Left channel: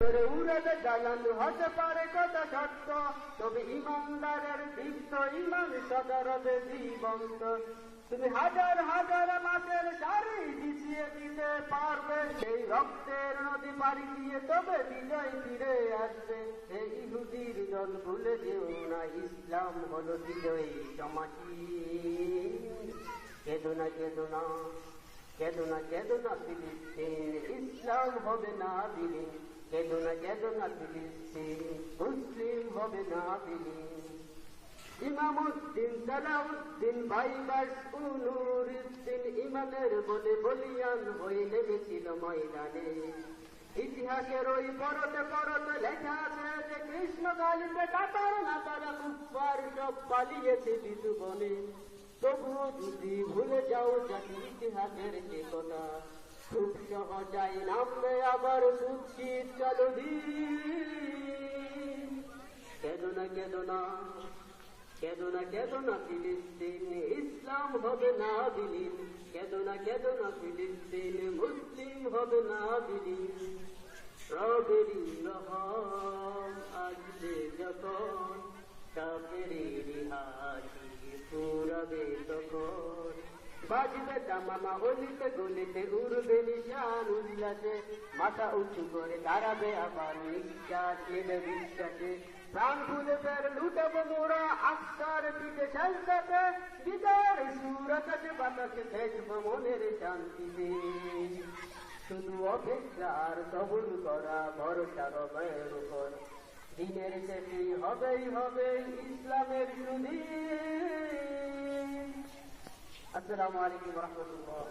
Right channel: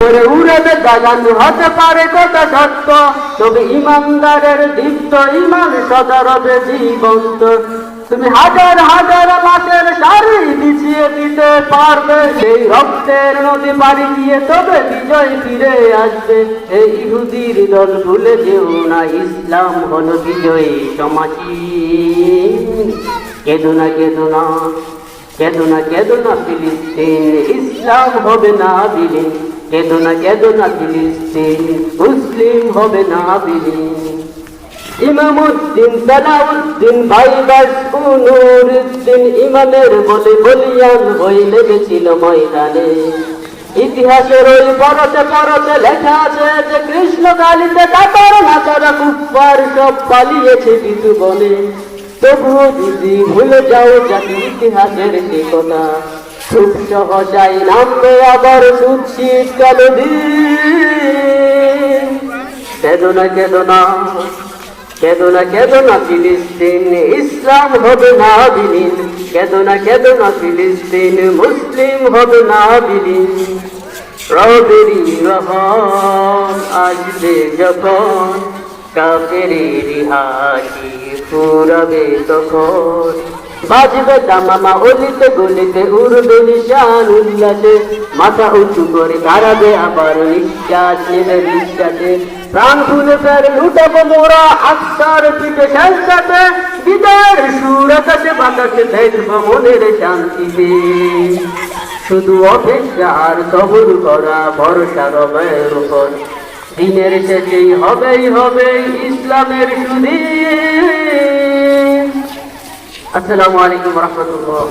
উড়াবে দাগানো হতে পারে কথা সত্য, তবে ইমানদারের দীপ্ত ইমান সদা রবে জীবন্ত। তুমি হাজার হাজার মাসের শাড়ি বিছিয়ে দিতে পারবে, সেই রক্তের নদী পাড়ি দিয়ে তবে বিজয় ফিরে আসবে। এই ইহুদির দল ভুলে যেও না, ইসলাম হলো বিজয়ী সমাজী। কেঁদো না কেঁদো না, কেঁদো না কেঁদো না ফিলিস্তিন, ইসলাম হবে না বিলীন। কেঁদো না কেঁদো না ফিলিস্তিন, মুসলিম হবে না বিলীন। ইমামউদ্দিন, সালাউদ্দিন, ভাইবাস, নুরউদ্দিন ইমামের বলে বলিয়ান হয়ে লেগেছিল ময়দানে। ইতিহাসের ওই পরতে পরতে লেখা আছে যে কৃষ্ণ কালিতে কাতার নাচারা কুফার সব পালিয়েছে বিধু বনে। তবুও যদি ভুলে যাও জাতি ইতিহাসের সে কথা, খুব সহজাই নামবে আবার সুদ শীতকাল দিন। কেঁদো না কেঁদো না, কেঁদো না কেঁদো না ফিলিস্তিন, ইসলাম হবে না বিলীন। কেঁদো না কেঁদো না ফিলিস্তিন, মুসলিম হবে না বিলীন। রবেরই রহম আসবে যখন, কাফেরের হাসি ফুরাবে তখন। বাজবে দামামা অলিতে গলিতে, উড়বে নিশান উল্লাসে, মাথা উঁচু করে দাঁড়াবে আবার নিঃশ্বাস নেবে নিঃশ্বাসে। প্রাণ খুলে ফের লুটাবো মোরা আত্মার পিঠে সাথে, বিদায়ের সুর আকাশে বাতাসে দেখবো মনের শান্তিতে। শুধু অপেক্ষা আর সবর করা, ভরসা রবের উপর, দিনের শেষেই হবেই হবে ইসলামের সুধীর। আসসালামু আলাইকুম ওয়া রাহমাতুল্লাহ।